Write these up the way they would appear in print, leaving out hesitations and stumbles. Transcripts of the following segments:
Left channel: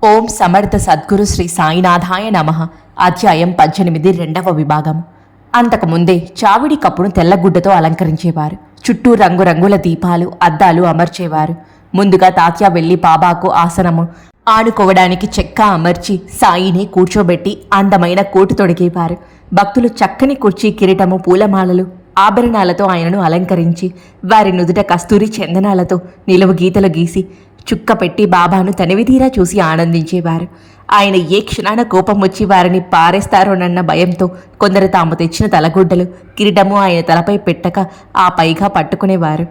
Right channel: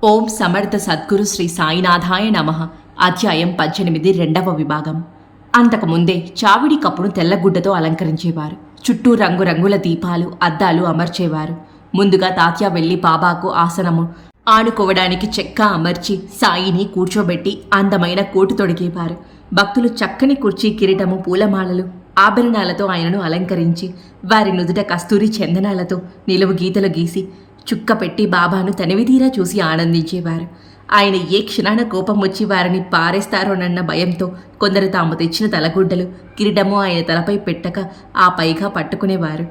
ఓం సమర్థ సద్గురు శ్రీ సాయినాథాయ నమః. అధ్యాయం 18 రెండవ విభాగం. అంతకుముందే చావిడి కప్పును తెల్లగుడ్డతో అలంకరించేవారు. చుట్టూ రంగురంగుల దీపాలు, అద్దాలు అమర్చేవారు. ముందుగా తాత్య వెళ్లి బాబాకు ఆసనము ఆనుకోవడానికి చెక్క అమర్చి సాయిని కూర్చోబెట్టి అందమైన కోటు తొడిగేవారు. భక్తులు చక్కని కుర్చీ, కిరీటము, పూలమాలలు, ఆభరణాలతో ఆయనను అలంకరించి వారి నుదుట కస్తూరి చందనాలతో నిలువు గీతలు గీసి చుక్క పెట్టి బాబాను తనివితీరా చూసి ఆనందించేవారు. ఆయన ఏ క్షణాన కోపం వచ్చి వారిని పారేస్తారోనన్న భయంతో కొందరు తాము తెచ్చిన తలగుడ్డలు, కిరీటము ఆయన తలపై పెట్టక ఆ పైగా పట్టుకునేవారు.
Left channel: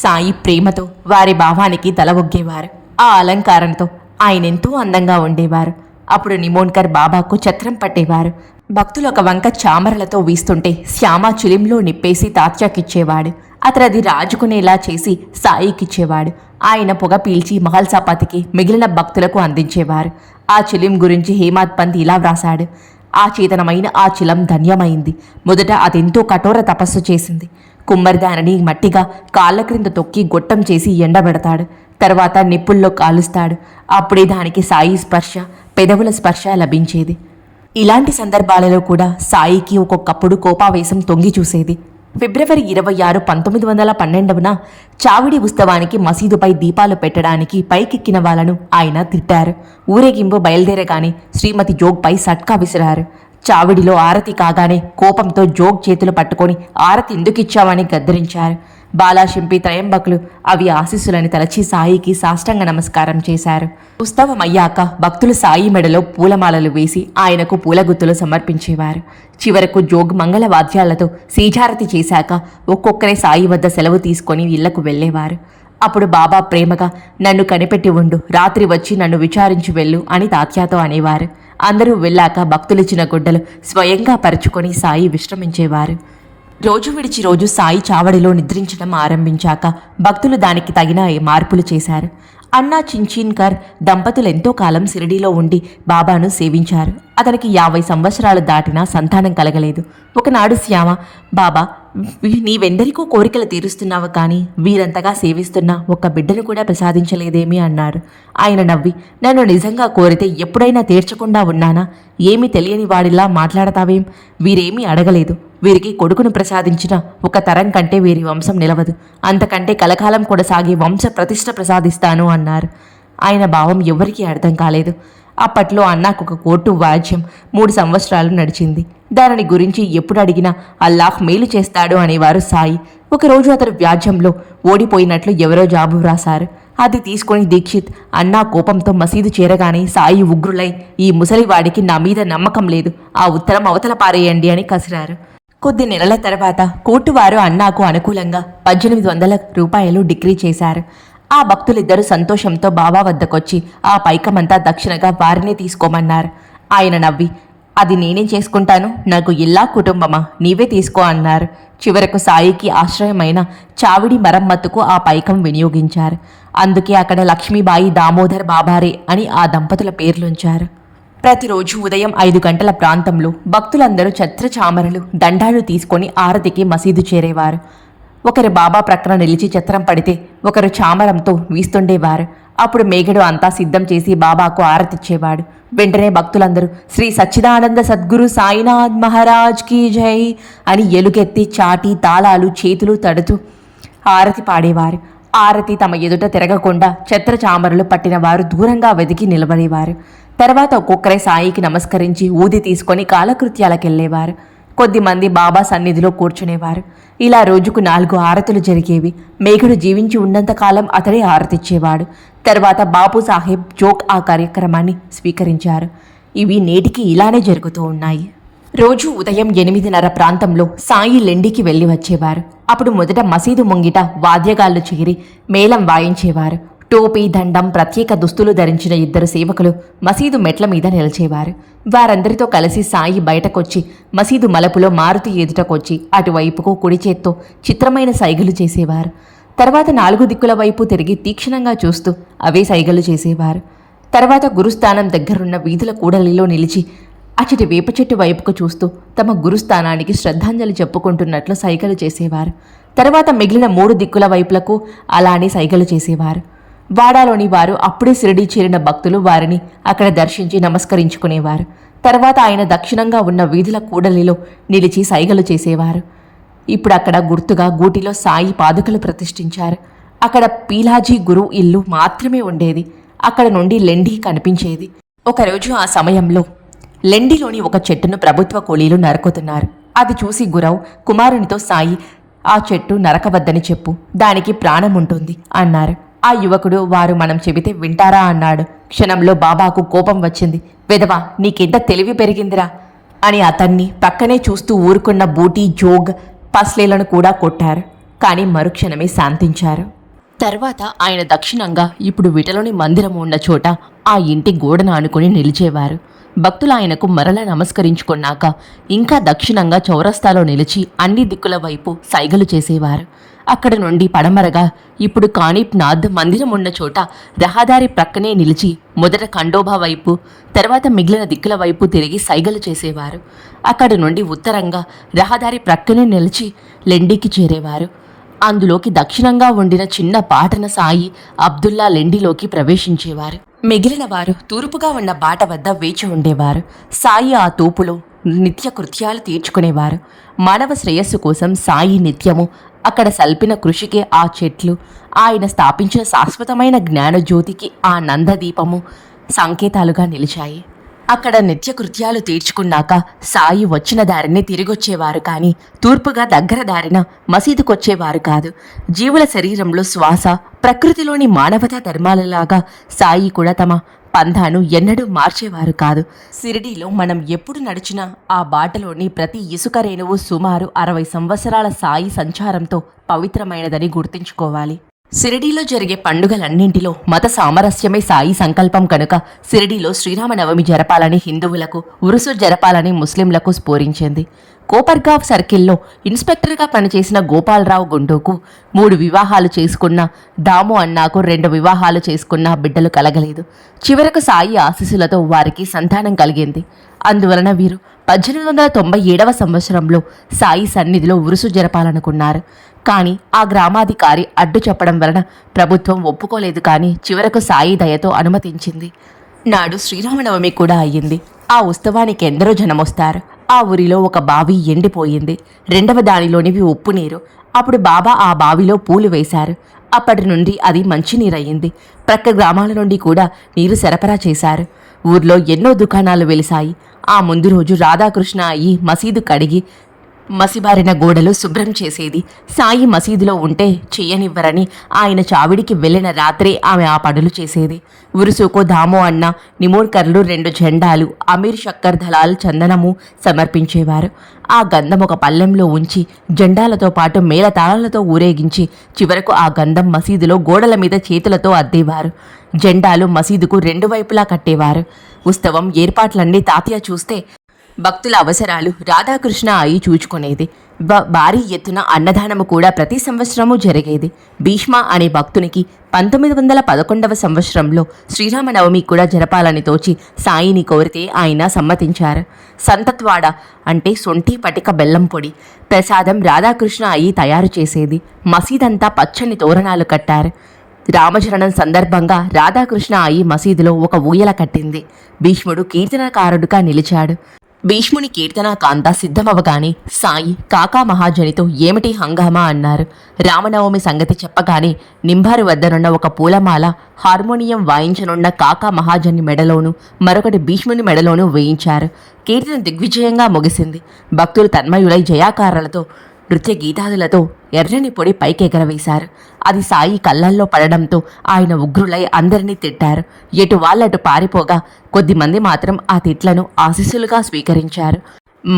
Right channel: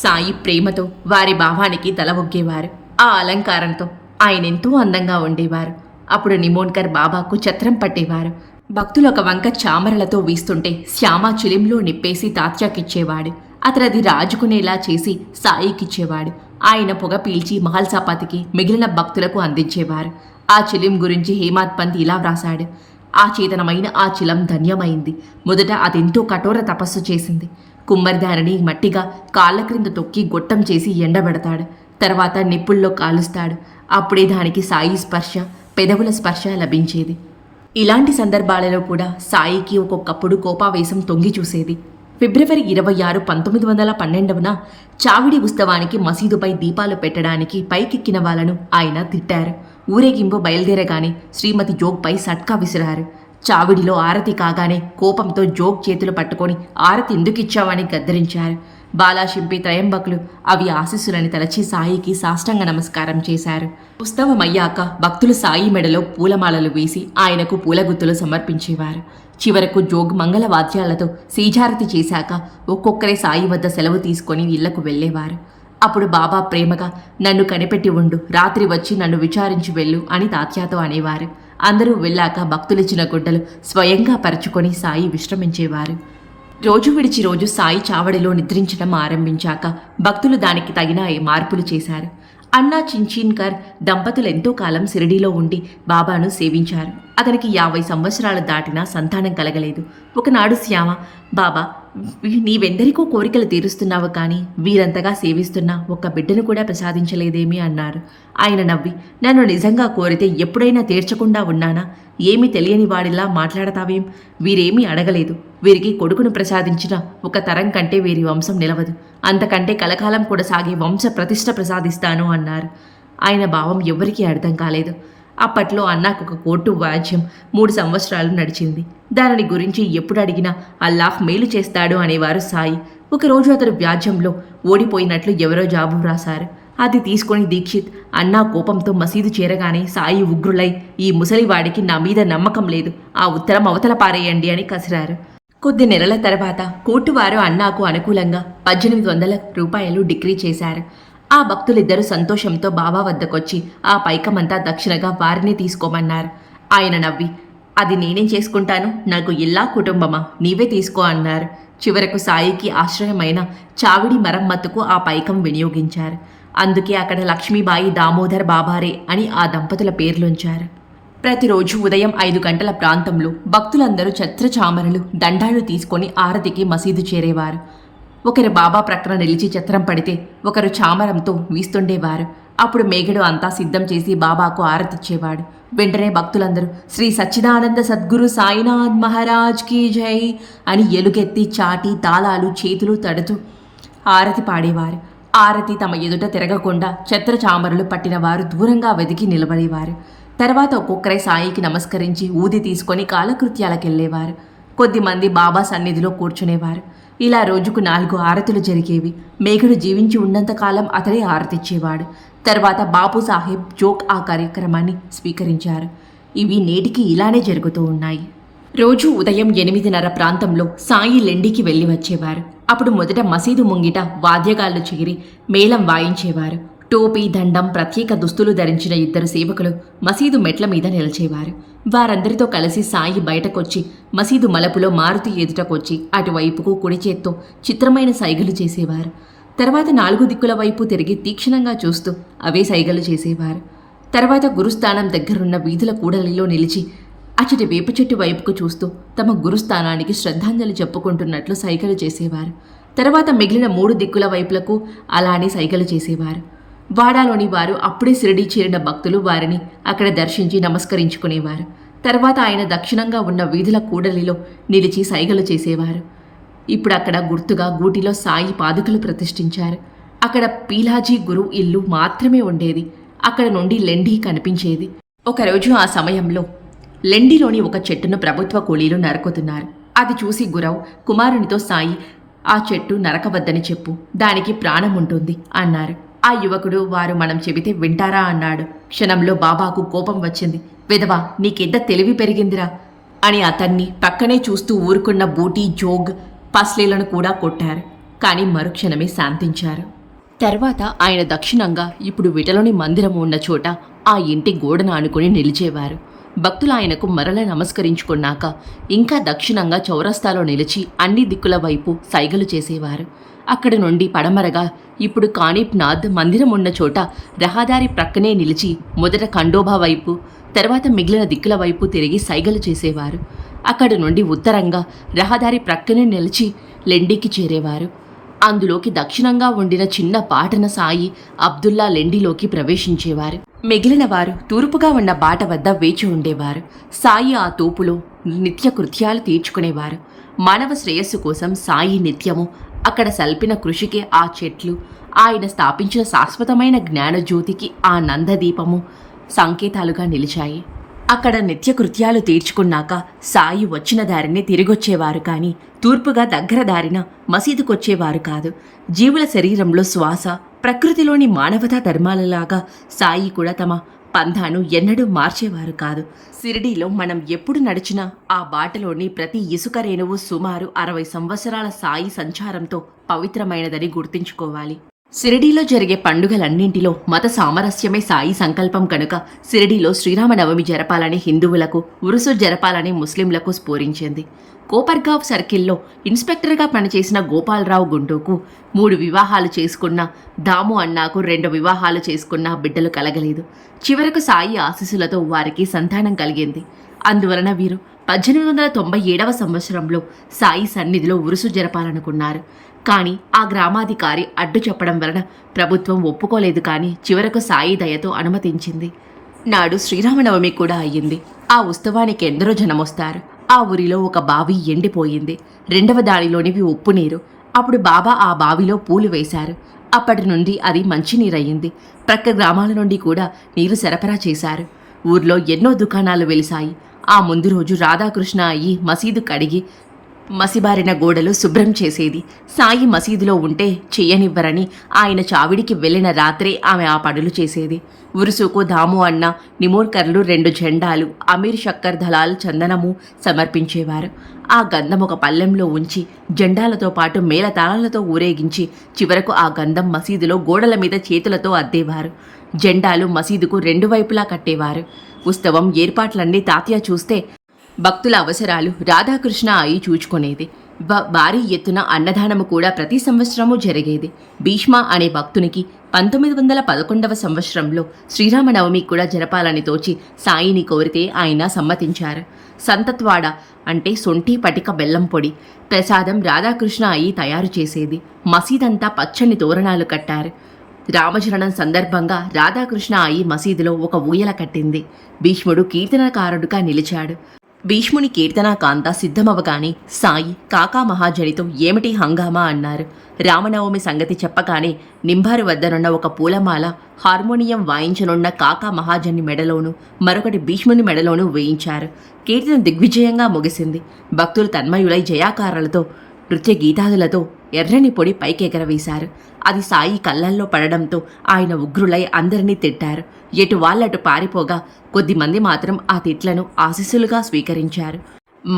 సాయి ప్రేమతో వారి భావానికి తల ఒగ్గేవారు. ఆ అలంకారంతో ఆయనెంతో అందంగా ఉండేవారు. అప్పుడు నిమోన్కర్ బాబాకు ఛత్రం పట్టేవారు. భక్తులు ఒక వంక చామరలతో వీస్తుంటే శ్యామ చిలింలో నిప్పేసి తాత్యాకిచ్చేవాడు. అతనది రాజుకునేలా చేసి సాయికిచ్చేవాడు. ఆయన పొగ పీల్చి మహల్సాపతికి, మిగిలిన భక్తులకు అందించేవారు. ఆ చిలిం గురించి హేమాద్ పంత్ ఇలా వ్రాశాడు: ఆ చేతనమైన ఆ చిలం ధన్యమైంది. మొదట అదెంతో కఠోర తపస్సు చేసింది. కుమ్మరి దానిని మట్టిగా కాళ్ళ క్రింద తొక్కి గొట్టం చేసి ఎండబెడతాడు. తర్వాత నిప్పుల్లో కాలుస్తాడు. అప్పుడే దానికి సాయి స్పర్శ, పెదవుల స్పర్శ లభించేది. ఇలాంటి సందర్భాలలో కూడా సాయికి ఒక్కొక్కప్పుడు కోపావేశం తొంగి చూసేది. ఫిబ్రవరి 26, 1912న చావిడి ఉత్సవానికి మసీదుపై దీపాలు పెట్టడానికి పైకెక్కిన వాళ్ళను ఆయన తిట్టారు. ఊరేగింపు బయలుదేరగానే శ్రీమతి జోగ్పై సట్కా విసిరారు. చావిడిలో ఆరతి కాగానే కోపంతో జోగ్ చేతులు పట్టుకొని ఆరతి ఎందుకిచ్చావని గద్దరించారు. బాలాశింపి త్రయంబకులు అవి ఆశీస్సులని తలచి సాయికి సాష్టాంగ నమస్కారం చేశారు. ఉత్సవమయ్యాక భక్తులు సాయి మెడలో పూలమాలలు వేసి ఆయనకు పూలగుత్తులు సమర్పించేవారు. చివరకు జోగ్ మంగళవాద్యాలతో శ్రీజారతి చేశాక ఒక్కొక్కరే సాయి వద్ద సెలవు తీసుకొని ఇళ్లకు వెళ్లేవారు. అప్పుడు బాబా ప్రేమగా, నన్ను కనిపెట్టి ఉండు, రాత్రి వచ్చి నన్ను విచారించి వెళ్ళు అని తాత్యాతో అనేవారు. అందరూ వెళ్ళాక భక్తులిచ్చిన గుడ్డలు స్వయంగా పరుచుకొని సాయి విశ్రమించేవారు. రోజు విడిచి రోజు సాయి చావడిలో నిద్రించడం ఆరంభించాక భక్తులు దానికి తగిన మార్పులు చేశారు. అన్నా చించీన్కర్ దంపతులు ఎంతో కాలం షిరిడీలో ఉండి బాబాను సేవించారు. అతనికి 50 సంవత్సరాలు దాటినా సంతానం కలగలేదు. ఒకనాడు శ్యామ, బాబా, నీవెందరికో కోరికలు తీరుస్తున్నావు, కానీ వీరంతగా సేవిస్తున్నా ఒక్క బిడ్డను కూడా ప్రసాదించలేదేమీ అన్నారు. ఆయన నవ్వి, నన్ను నిజంగా కోరితే ఎప్పుడైనా తీర్చకుండా ఉన్నానా? ఏమీ తెలియని వాడిలా మాట్లాడతావేం? వీరేమీ అడగలేదు. వీరికి కొడుకును ప్రసాదించిన ఒక తరం కంటే వీరి వంశం నిలవదు. అంతకంటే కలకాలం కొనసాగే వంశ ప్రతిష్ఠ ప్రసాదిస్తాను అన్నారు. ఆయన భావం ఎవరికీ అర్థం కాలేదు. అప్పట్లో అన్నాకు ఒక కోర్టు వాద్యం 3 సంవత్సరాలు నడిచింది. దానిని గురించి ఎప్పుడు అడిగినా అల్లాహ్ మేలు చేస్తాడు అనేవారు సాయి. ఒకరోజు అతడు వ్యాజ్యంలో ఓడిపోయినట్లు ఎవరో జాబు వ్రాసారు. అది తీసుకొని దీక్షిత్ అన్నా కోపంతో మసీదు చేరగానే సాయి ఉగ్రులై, ఈ ముసలివాడికి నా మీద నమ్మకం లేదు, ఆ ఉత్తరం అవతల పారేయండి అని కసిరారు. కొద్ది నెలల తర్వాత కోర్టువారు అన్నాకు అనుకూలంగా 1800 రూపాయలు డిక్రీ చేశారు. ఆ భక్తులిద్దరూ సంతోషంతో బాబా వద్దకొచ్చి ఆ పైకమంతా దక్షిణగా వారినే తీసుకోమన్నారు. ఆయన నవ్వి, అది నేనేం చేసుకుంటాను, నాకు ఇల్లా కుటుంబమా, నీవే తీసుకో అన్నారు. చివరకు సాయికి ఆశ్రయమైన చావిడి మరమ్మతుకు ఆ పైకం వినియోగించారు. అందుకే అక్కడ లక్ష్మీబాయి దామోదర్ బాబారే అని ఆ దంపతుల పేర్లుంచారు. ప్రతిరోజు ఉదయం 5 గంటల ప్రాంతంలో భక్తులందరూ ఛత్రచామరలు, దండాలు తీసుకొని ఆరతికి మసీదు చేరేవారు. ఒకరు బాబా ప్రక్కన నిలిచి ఛత్రం పడితే ఒకరు చామరంతో వీస్తుండేవారు. అప్పుడు మేఘడు అంతా సిద్ధం చేసి బాబాకు ఆరతిచ్చేవాడు. వెంటనే భక్తులందరూ శ్రీ సచ్చిదానంద సద్గురు సాయినాథ్ మహారాజ్ కీ జై అని ఎలుగెత్తి చాటి తాళాలు చేతులు తడుతూ ఆరతి పాడేవారు. ఆరతి తమ ఎదుట తిరగకుండా ఛత్రచామరలు పట్టిన వారు దూరంగా వెతికి నిలబడేవారు. తర్వాత ఒక్కొక్కరే సాయికి నమస్కరించి ఊది తీసుకొని కాలకృత్యాలకెళ్లేవారు. కొద్దిమంది బాబా సన్నిధిలో కూర్చునేవారు. ఇలా రోజుకు 4 ఆరతులు జరిగేవి. మేఘడు జీవించి ఉన్నంతకాలం అతడే ఆరతిచ్చేవాడు. తర్వాత బాపు సాహెబ్ జోగ్ ఆ కార్యక్రమాన్ని స్వీకరించారు. ఇవి నేటికి ఇలానే జరుగుతూ ఉన్నాయి. రోజు ఉదయం 8:30 ప్రాంతంలో సాయి లెండికి వెళ్ళి వచ్చేవారు. అప్పుడు మొదట మసీదు ముంగిట వాద్యగాళ్లు చేరి మేళం వాయించేవారు. టోపీ, దండం, ప్రత్యేక దుస్తులు ధరించిన 2 సేవకులు మసీదు మెట్ల మీద నిలిచేవారు. వారందరితో కలిసి సాయి బయటకొచ్చి మసీదు మలుపులో మారుతి ఎదుటకొచ్చి అటువైపుకు కుడి చేత్తో చిత్రమైన సైగలు చేసేవారు. తర్వాత 4 దిక్కుల వైపు తిరిగి తీక్షణంగా చూస్తూ అవే సైగలు చేసేవారు. తర్వాత గురుస్థానం దగ్గరున్న వీధుల కూడలిలో నిలిచి అచటి వేప చెట్టు వైపుకు చూస్తూ తమ గురుస్థానానికి శ్రద్ధాంజలి చెప్పుకుంటున్నట్లు సైగలు చేసేవారు. తర్వాత మిగిలిన 3 దిక్కుల వైపులకు అలానే సైగలు చేసేవారు. వాడాలోని వారు అప్పుడే షిరిడీ చేరిన భక్తులు వారిని అక్కడ దర్శించి నమస్కరించుకునేవారు. తర్వాత ఆయన దక్షిణంగా ఉన్న వీధుల కూడలిలో నిలిచి సైగలు చేసేవారు. ఇప్పుడు అక్కడ గుర్తుగా గూటిలో సాయి పాదుకలు ప్రతిష్ఠించారు. అక్కడ పీలాజీ గురు ఇల్లు మాత్రమే ఉండేది. అక్కడ నుండి లెండి కనిపించేది. ఒకరోజు ఆ సమయంలో లెండిలోని ఒక చెట్టును ప్రభుత్వ కూలీలు నరుకుతున్నారు. అది చూసి గురవ్ కుమారునితో సాయి, ఆ చెట్టు నరకవద్దని చెప్పు, దానికి ప్రాణం ఉంటుంది అన్నారు. ఆ యువకుడు వారు మనం చెబితే వింటారా అన్నాడు. క్షణంలో బాబాకు కోపం వచ్చింది. వెధవా, నీకెంత తెలివి పెరిగిందిరా అని అతన్ని పక్కనే చూస్తూ ఊరుకున్న బూటీ, జోగ్, పస్లేలను కూడా కొట్టారు. కానీ మరుక్షణమే శాంతించారు. తర్వాత ఆయన దక్షిణంగా ఇప్పుడు విటలోని మందిరం ఉన్న చోట ఆ ఇంటి గోడను ఆనుకుని నిలిచేవారు. భక్తులు ఆయనకు మరల నమస్కరించుకున్నాక ఇంకా దక్షిణంగా చౌరస్తాలో నిలిచి అన్ని దిక్కుల వైపు సైగలు చేసేవారు. అక్కడి నుండి పడమరగా ఇప్పుడు కానిప్నాథ్ మందిరం ఉన్న చోట రహదారి ప్రక్కనే నిలిచి మొదట ఖండోబా వైపు, తర్వాత మిగిలిన దిక్కుల వైపు తిరిగి సైగలు చేసేవారు. అక్కడి నుండి ఉత్తరంగా రహదారి ప్రక్కనే నిలిచి లెండికి చేరేవారు. అందులోకి దక్షిణంగా ఉండిన చిన్న పాటన సాయి, అబ్దుల్లా లెండిలోకి ప్రవేశించేవారు. మిగిలిన వారు తూర్పుగా ఉన్న బాట వద్ద వేచి ఉండేవారు. సాయి ఆ తూపులో నిత్య కృత్యాలు తీర్చుకునేవారు. మానవ శ్రేయస్సు కోసం సాయి నిత్యము అక్కడ సల్పిన కృషికి ఆ చెట్లు, ఆయన స్థాపించిన శాశ్వతమైన జ్ఞానజ్యోతికి ఆ నందదీపము సంకేతాలుగా నిలిచాయి. అక్కడ నిత్యకృత్యాలు తీర్చుకున్నాక సాయి వచ్చిన దారిని తిరిగొచ్చేవారు కానీ తూర్పుగా దగ్గర దారిన మసీదుకొచ్చేవారు కాదు. జీవుల శరీరంలో శ్వాస, ప్రకృతిలోని మానవతా ధర్మాలలాగా సాయి కూడా తమ పంథాను ఎన్నడూ మార్చేవారు కాదు. షిరిడీలో మనం ఎప్పుడు నడిచినా ఆ బాటలోని ప్రతి ఇసుక రేణువు సుమారు 60 సంవత్సరాల సాయి సంచారంతో పవిత్రమైనదని గుర్తుంచుకోవాలి. షిరిడీలో జరిగే పండుగలన్నింటిలో మత సామరస్యమే సాయి సంకల్పం కనుక షిరిడీలో శ్రీరామనవమి జరపాలని హిందువులకు, ఉరుసు జరపాలని ముస్లింలకు స్ఫోరించింది. కోపర్గావ్ సర్కిల్లో ఇన్స్పెక్టర్గా పనిచేసిన గోపాలరావు గుండూకు 3 వివాహాలు చేసుకున్న, దాము అన్నాకు 2 వివాహాలు చేసుకున్న బిడ్డలు కలగలేదు. చివరకు సాయి ఆశీస్సులతో వారికి సంతానం కలిగింది. అందువలన వీరు 1897వ సంవత్సరంలో సాయి సన్నిధిలో ఉరుసు జరపాలనుకున్నారు. కానీ ఆ గ్రామాధికారి అడ్డు చెప్పడం వలన ప్రభుత్వం ఒప్పుకోలేదు. కానీ చివరకు సాయి దయతో అనుమతించింది. నాడు శ్రీరామనవమి కూడా అయ్యింది. ఆ ఉత్సవానికి ఎందరో జనమొస్తారు. ఆ ఊరిలో ఒక బావి ఎండిపోయింది. 2వ దానిలోనివి ఉప్పు నీరు. అప్పుడు బాబా ఆ బావిలో పూలు వేశారు. అప్పటి నుండి అది మంచినీరయ్యింది. ప్రక్క గ్రామాల నుండి కూడా నీరు సరఫరా చేశారు. ఊర్లో ఎన్నో దుకాణాలు వెలిశాయి. ఆ ముందు రోజు రాధాకృష్ణ అయ్యి మసీదు కడిగి మసిబారిన గోడలు శుభ్రం చేసేది. సాయి మసీదులో ఉంటే చెయ్యనివ్వరని ఆయన చావిడికి వెళ్ళిన రాత్రే ఆమె ఆ పనులు చేసేది. ఉరుసుకు దామో అన్న, నిమోర్కర్లు 2 జెండాలు, అమీర్ షక్కర్ దళాల్ చందనము సమర్పించేవారు. ఆ గంధం ఒక పల్లెంలో ఉంచి జెండాలతో పాటు మేళతాళాలతో ఊరేగించి చివరకు ఆ గంధం మసీదులో గోడల మీద చేతులతో అద్దేవారు. జెండాలు మసీదుకు 2 వైపులా కట్టేవారు. ఉత్సవం ఏర్పాట్లన్నీ తాతయ్య చూస్తే భక్తుల అవసరాలు రాధాకృష్ణ అయి చూచుకునేది. భారీ ఎత్తున అన్నదానము కూడా ప్రతి సంవత్సరము జరిగేది. భీష్మ అనే భక్తునికి 1911వ సంవత్సరంలో శ్రీరామనవమి కూడా జరపాలని తోచి సాయిని కోరితే ఆయన సమ్మతించారు. సంతత్వాడ అంటే సొంటి పటిక బెల్లం పొడి ప్రసాదం రాధాకృష్ణ అయి తయారు చేసేది. మసీదంతా పచ్చని తోరణాలు కట్టారు. రామచరణం సందర్భంగా రాధాకృష్ణ అయి మసీదులో ఒక ఊయల కట్టింది. భీష్ముడు కీర్తనకారుడుగా నిలిచాడు. భీష్ముని కీర్తనాకాంత సిద్ధమవగానే సాయి కాకా మహాజనితో ఏమిటి హంగామా అన్నారు. రామనవమి సంగతి చెప్పగానే నింబారు వద్దనున్న ఒక పూలమాల హార్మోనియం వాయించనున్న కాకా మహాజని మెడలోనూ మరొకటి భీష్ముని మెడలోనూ వేయించారు. కీర్తన దిగ్విజయంగా ముగిసింది. భక్తులు తన్మయులై జయాకారాలతో, నృత్య గీతాదులతో ఎర్రని పొడి పైకెగరవేశారు. అది సాయి కళ్ళల్లో పడడంతో ఆయన ఉగ్రులై అందరినీ తిట్టారు. ఎటు వాళ్ళటు పారిపోగా కొద్దిమంది మాత్రం ఆ తిట్లను ఆశీస్సులుగా స్వీకరించారు.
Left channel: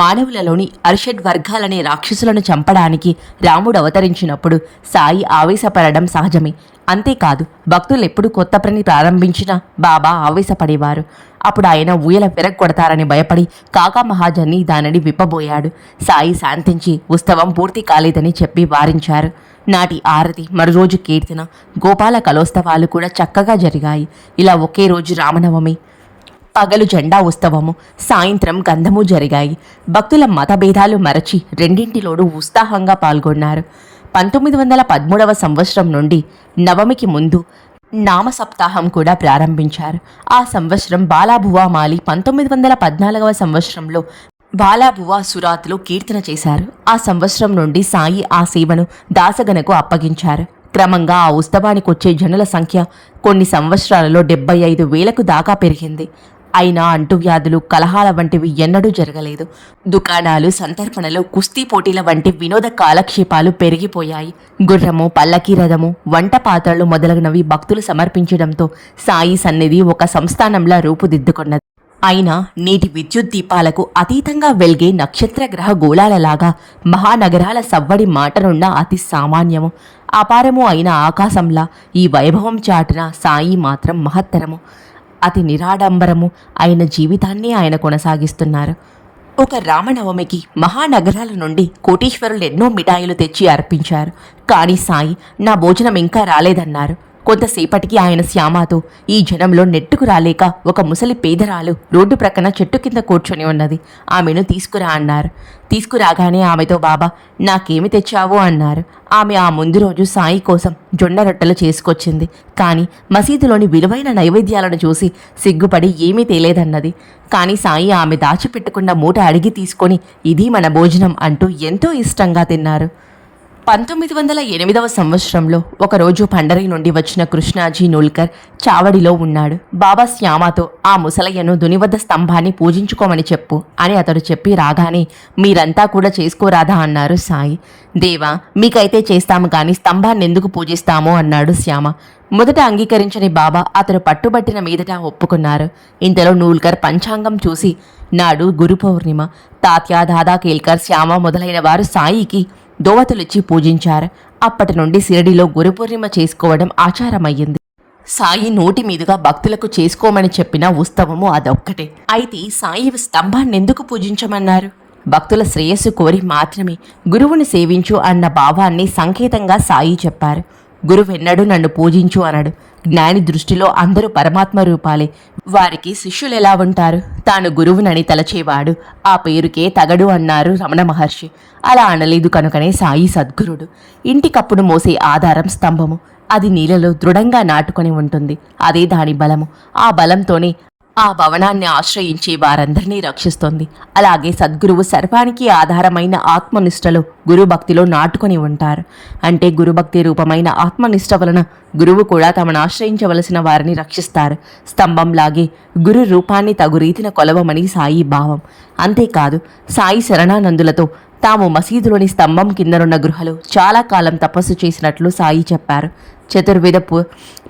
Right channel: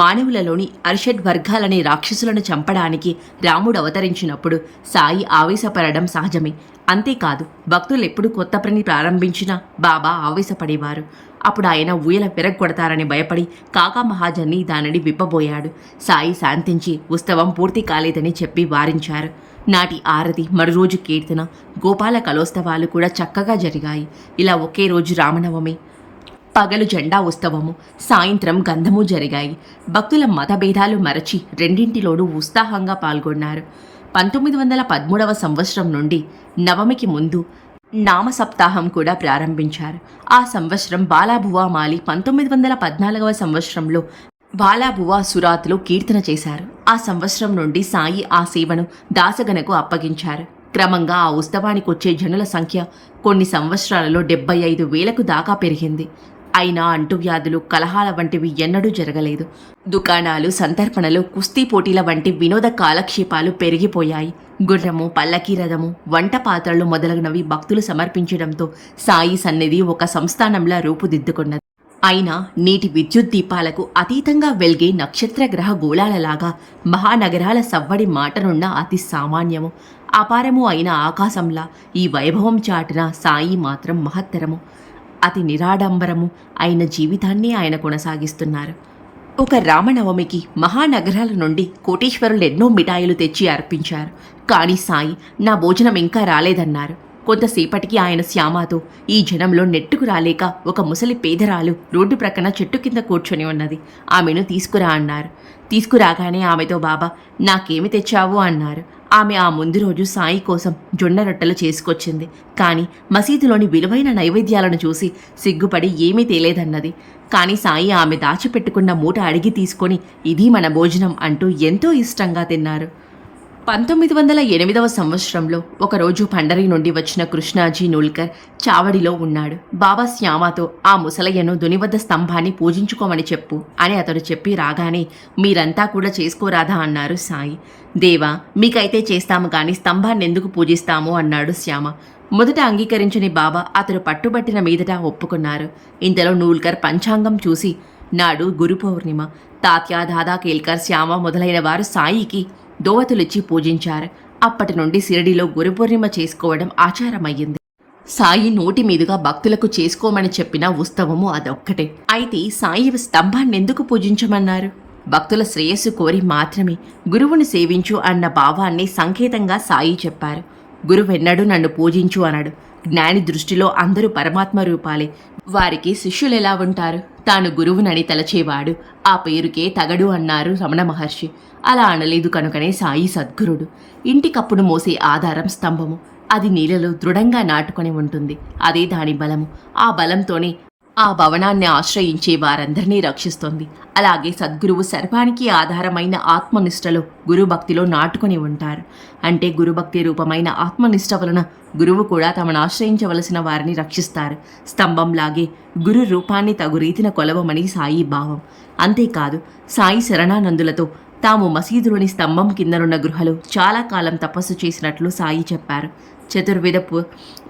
మానవులలోని అరిషడ్ వర్గాలనే రాక్షసులను చంపడానికి రాముడు అవతరించినప్పుడు సాయి ఆవేశపడడం సహజమే. అంతేకాదు, భక్తులు ఎప్పుడు కొత్త పని ప్రారంభించినా బాబా ఆవేశపడేవారు. అప్పుడు ఆయన ఊయల విరగ్గొడతారని భయపడి కాకా మహాజన్ని దానిని విప్పబోయాడు. సాయి శాంతించి ఉత్సవం పూర్తి కాలేదని చెప్పి వారించారు. నాటి ఆరతి, మరోరోజు కీర్తన, గోపాల కలోత్సవాలు కూడా చక్కగా జరిగాయి. ఇలా ఒకే రోజు రామనవమి, పగలు జెండా ఉత్సవము, సాయంత్రం గంధము జరిగాయి. భక్తుల మతభేదాలు మరచి రెండింటిలోనూ ఉత్సాహంగా పాల్గొన్నారు. 1913వ సంవత్సరం నుండి నవమికి ముందు నామ సప్తాహం కూడా ప్రారంభించారు. ఆ సంవత్సరం బాలాబువా మాలి 1914వ సంవత్సరంలో బాలాబువా సురాత్లో కీర్తన చేశారు. ఆ సంవత్సరం నుండి సాయి ఆ సేవను దాసగనకు అప్పగించారు. క్రమంగా ఆ ఉత్సవానికి వచ్చే జనుల సంఖ్య కొన్ని సంవత్సరాలలో 75,000కు దాకా పెరిగింది. అయినా అంటువ్యాధులు, కలహాల వంటివి ఎన్నడూ జరగలేదు. దుకాణాలు, సంతర్పణలు, కుస్తీ పోటీల వంటి వినోద కాలక్షేపాలు పెరిగిపోయాయి. గుర్రము, పల్లకీ రథము, వంట పాత్రలు మొదలగునవి భక్తులు సమర్పించడంతో సాయి సన్నిధి ఒక సంస్థానంలా రూపుదిద్దుకున్నది. అయినా నీటి విద్యుత్ దీపాలకు అతీతంగా వెలిగే నక్షత్ర గ్రహ గోళాలలాగా మహానగరాల సవ్వడి మాటనున్న అతి సామాన్యము, అపారము అయిన ఆకాశంలా ఈ వైభవం చాటున సాయి మాత్రం మహత్తరము, అతి నిరాడంబరము అయిన జీవితాన్ని ఆయన కొనసాగిస్తున్నారు. ఒక రామనవమికి మహానగరాల నుండి కోటీశ్వరులు ఎన్నో మిఠాయిలు తెచ్చి అర్పించారు. కానీ సాయి నా భోజనం ఇంకా రాలేదన్నారు. కొంతసేపటికి ఆయన శ్యామతో ఈ జనంలో నెట్టుకు రాలేక ఒక ముసలి పేదరాలు రోడ్డు ప్రక్కన చెట్టు కింద కూర్చొని ఉన్నది. ఆమెను తీసుకురా అన్నారు. తీసుకురాగానే ఆమెతో బాబా నాకేమి తెచ్చావు అన్నారు. ఆమె ఆ ముందు రోజు సాయి కోసం జొన్న రొట్టెలు చేసుకొచ్చింది. కానీ మసీదులోని విలువైన నైవేద్యాలను చూసి సిగ్గుపడి ఏమీ తేలేదన్నది. కానీ సాయి ఆమె దాచిపెట్టుకున్న మూట అడిగి తీసుకొని ఇది మన భోజనం అంటూ ఎంతో ఇష్టంగా తిన్నారు. 1908వ సంవత్సరంలో ఒకరోజు పండరి నుండి వచ్చిన కృష్ణాజీ నూల్కర్ చావడిలో ఉన్నాడు. బాబా శ్యామతో ఆ ముసలయ్యను దునివద్ద స్తంభాన్ని పూజించుకోమని చెప్పు అని అతడు చెప్పి రాగానే మీరంతా కూడా చేసుకోరాదా అన్నారు సాయి. దేవా మీకైతే చేస్తాము కానీ స్తంభాన్ని ఎందుకు పూజిస్తాము అన్నాడు శ్యామ. మొదట అంగీకరించని బాబా అతడు పట్టుబట్టిన మీదట ఒప్పుకున్నారు. ఇంతలో నూల్కర్ పంచాంగం చూసి నాడు గురు పౌర్ణిమ, తాత్యా దాదా కేల్కర్, శ్యామ మొదలైన వారు సాయికి దోవతులిచ్చి పూజించారు. అప్పటి నుండి షిరిడిలో గురుపూర్ణిమ చేసుకోవడం ఆచారమయ్యింది. సాయి నోటి మీదుగా భక్తులకు చేసుకోమని చెప్పిన ఉత్సవము అదొక్కటే. అయితే సాయి స్తంభాన్నెందుకు పూజించమన్నారు? భక్తుల శ్రేయస్సు కోరి మాత్రమే గురువుని సేవించు అన్న భావాన్ని సంకేతంగా సాయి చెప్పారు. గురువెన్నడూ నన్ను పూజించు అనడు. జ్ఞాని దృష్టిలో అందరూ పరమాత్మ రూపాలే. వారికి శిష్యులు ఎలా ఉంటారు? తాను గురువునని తలచేవాడు ఆ పేరుకే తగడు అన్నారు రమణ మహర్షి. అలా అనలేదు కనుకనే సాయి సద్గురుడు. ఇంటికప్పుడు మోసే ఆధారం స్తంభము. అది నీళ్ళలో దృఢంగా నాటుకొని ఉంటుంది. అదే దాని బలము. ఆ బలంతోనే ఆ భవనాన్ని ఆశ్రయించే వారందరినీ రక్షిస్తుంది. అలాగే సద్గురువు సర్వానికి ఆధారమైన ఆత్మనిష్టలో గురుభక్తిలో నాటుకొని ఉంటారు. అంటే గురుభక్తి రూపమైన ఆత్మనిష్ట వలన గురువు కూడా తమను ఆశ్రయించవలసిన వారిని రక్షిస్తారు. స్తంభంలాగే గురు రూపాన్ని తగు రీతిన కొలవమని సాయి భావం. అంతేకాదు సాయి శరణానందులతో తాము మసీదులోని స్తంభం కిందనున్న గృహలో చాలా కాలం తపస్సు చేసినట్లు సాయి చెప్పారు. చతుర్విధ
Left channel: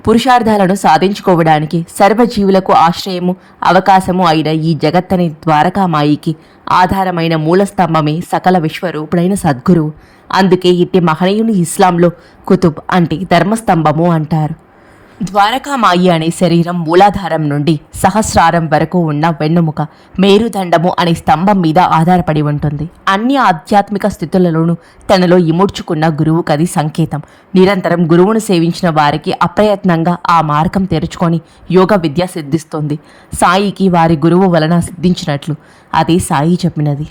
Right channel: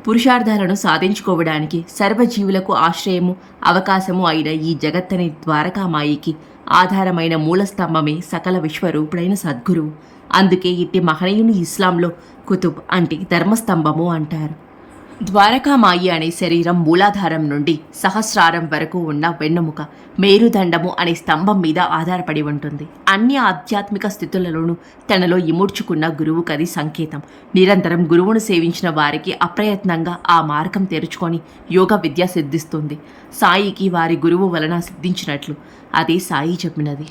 పురుషార్థాలను సాధించుకోవడానికి సర్వజీవులకు ఆశ్రయము, అవకాశము అయిన ఈ జగత్తని ద్వారకామాయికి ఆధారమైన మూలస్తంభమే సకల విశ్వరూపుడైన సద్గురువు. అందుకే ఇట్టి మహనీయుని ఇస్లాంలో కుతుబ్ అంటే ధర్మస్తంభము అంటారు. ద్వారకామాయి అనే శరీరం మూలాధారం నుండి సహస్రారం వరకు ఉన్న వెన్నుముక మేరుదండము అనే స్తంభం మీద ఆధారపడి ఉంటుంది. అన్ని ఆధ్యాత్మిక స్థితులలోనూ తనలో ఇముడ్చుకున్న గురువు కది సంకేతం. నిరంతరం గురువును సేవించిన వారికి అప్రయత్నంగా ఆ మార్గం తెరుచుకొని యోగ విద్య సిద్ధిస్తుంది. సాయికి వారి గురువు వలన సిద్ధించినట్లు అదే సాయి చెప్పినది.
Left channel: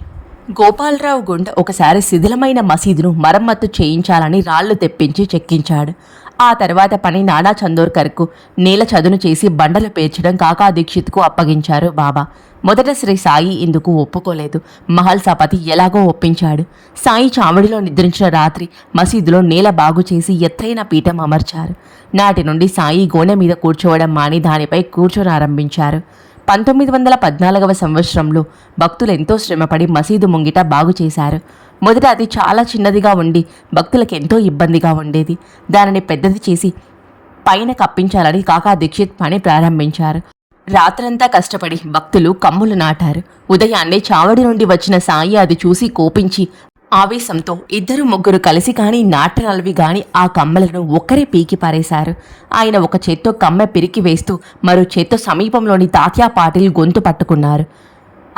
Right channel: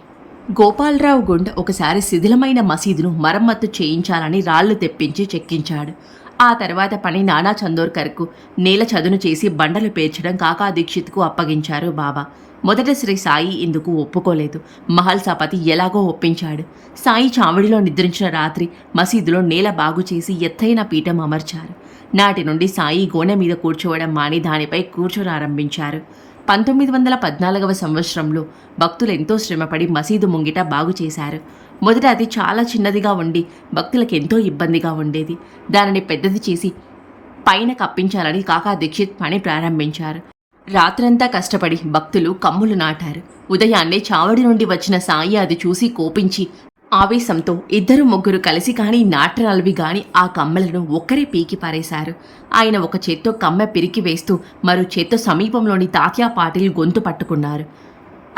గోపాలరావు గుండ్ ఒకసారి శిథిలమైన మసీదును మరమ్మత్తు చేయించాలని రాళ్లు తెప్పించి చెక్కించాడు. ఆ తర్వాత పని నానా చందోర్కర్కు నేల చదును చేసి బండలు పేర్చడం కాకా దీక్షిత్కు అప్పగించారు బాబా. మొదట శ్రీ సాయి ఇందుకు ఒప్పుకోలేదు. మహల్సాపతి ఎలాగో ఒప్పించాడు. సాయి చావడిలో నిద్రించిన రాత్రి మసీదులో నేల బాగు చేసి ఎత్తైన పీఠం అమర్చారు. నాటి నుండి సాయి గోనె మీద కూర్చోవడం మాని దానిపై కూర్చొనారంభించారు. 1914వ సంవత్సరంలో భక్తులు ఎంతో శ్రమపడి మసీదు ముంగిట బాగు చేశారు. మొదట అది చాలా చిన్నదిగా ఉండి భక్తులకు ఎంతో ఇబ్బందిగా ఉండేది. దానిని పెద్దది చేసి పైన కప్పించాలని కాకా దీక్షిత్ పని ప్రారంభించారు. రాత్రంతా కష్టపడి భక్తులు కమ్ములు నాటారు. ఉదయాన్నే చావడి నుండి వచ్చిన సాయి అది చూసి కోపించి ఆవేశంతో 2-3 కలిసి కానీ నాటరాలవి గాని ఆ కమ్మలను ఒక్కరే పీకి పారేశారు. ఆయన ఒక చేత్తో కమ్మ పిరికి వేస్తూ మరో చేత్తో సమీపంలోని తాత్యా పాటిల్ గొంతు పట్టుకున్నారు.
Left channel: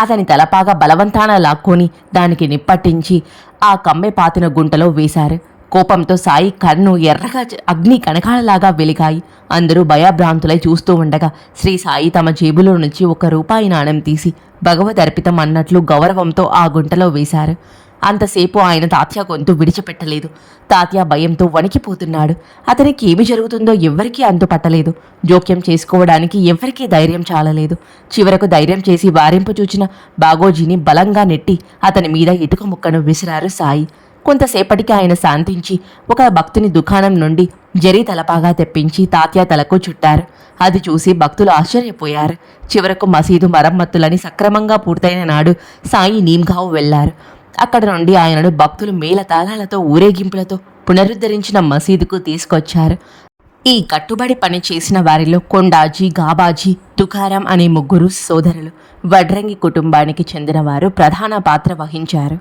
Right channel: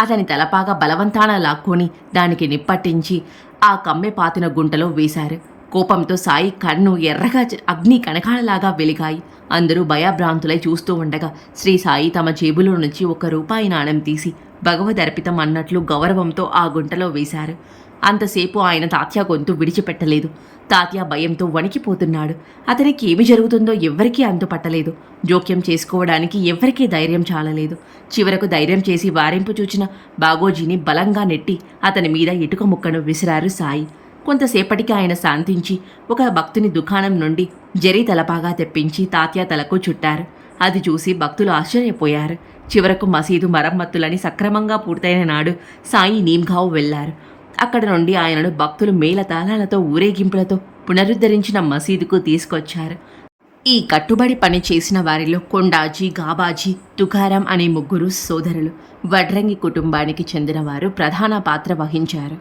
అతని తలపాగా బలవంతాన లాక్కొని దానికి నిప్పట్టించి ఆ కమ్మె పాతిన గుంటలో వేశారు. కోపంతో సాయి కన్ను ఎర్రగా అగ్ని కణకాలలాగా వెలిగాయి. అందరూ భయభ్రాంతులై చూస్తూ ఉండగా శ్రీ సాయి తమ జేబులో నుంచి 1 రూపాయి నాణెం తీసి భగవదర్పితం అన్నట్లు గౌరవంతో ఆ గుంటలో వేశారు. అంతసేపు ఆయన తాత్య గొంతు విడిచిపెట్టలేదు. తాత్య భయంతో వణికిపోతున్నాడు. అతనికి ఏమి జరుగుతుందో ఎవ్వరికీ అంతుపట్టలేదు. జోక్యం చేసుకోవడానికి ఎవ్వరికీ ధైర్యం చాలలేదు. చివరకు ధైర్యం చేసి వారింపు చూచిన బాగోజీని బలంగా నెట్టి అతని మీద ఇటుక ముక్కను విసిరారు సాయి. కొంతసేపటికి ఆయన శాంతించి ఒక భక్తుని దుకాణం నుండి జరీ తలపాగా తెప్పించి తాత్య తలకు చుట్టారు. అది చూసి భక్తులు ఆశ్చర్యపోయారు. చివరకు మసీదు మరమ్మతులని సక్రమంగా పూర్తయిన నాడు సాయి నీమ్గావ్ వెళ్లారు. అక్కడ నుండి ఆయనను భక్తులు మేళతాళాలతో ఊరేగింపులతో పునరుద్ధరించిన మసీదుకు తీసుకొచ్చారు. ఈ కట్టుబడి పని చేసిన వారిలో కొండాజీ, గాబాజీ, తుకారాం అనే ముగ్గురు సోదరులు వడ్రంగి కుటుంబానికి చెందినవారు ప్రధాన పాత్ర వహించారు.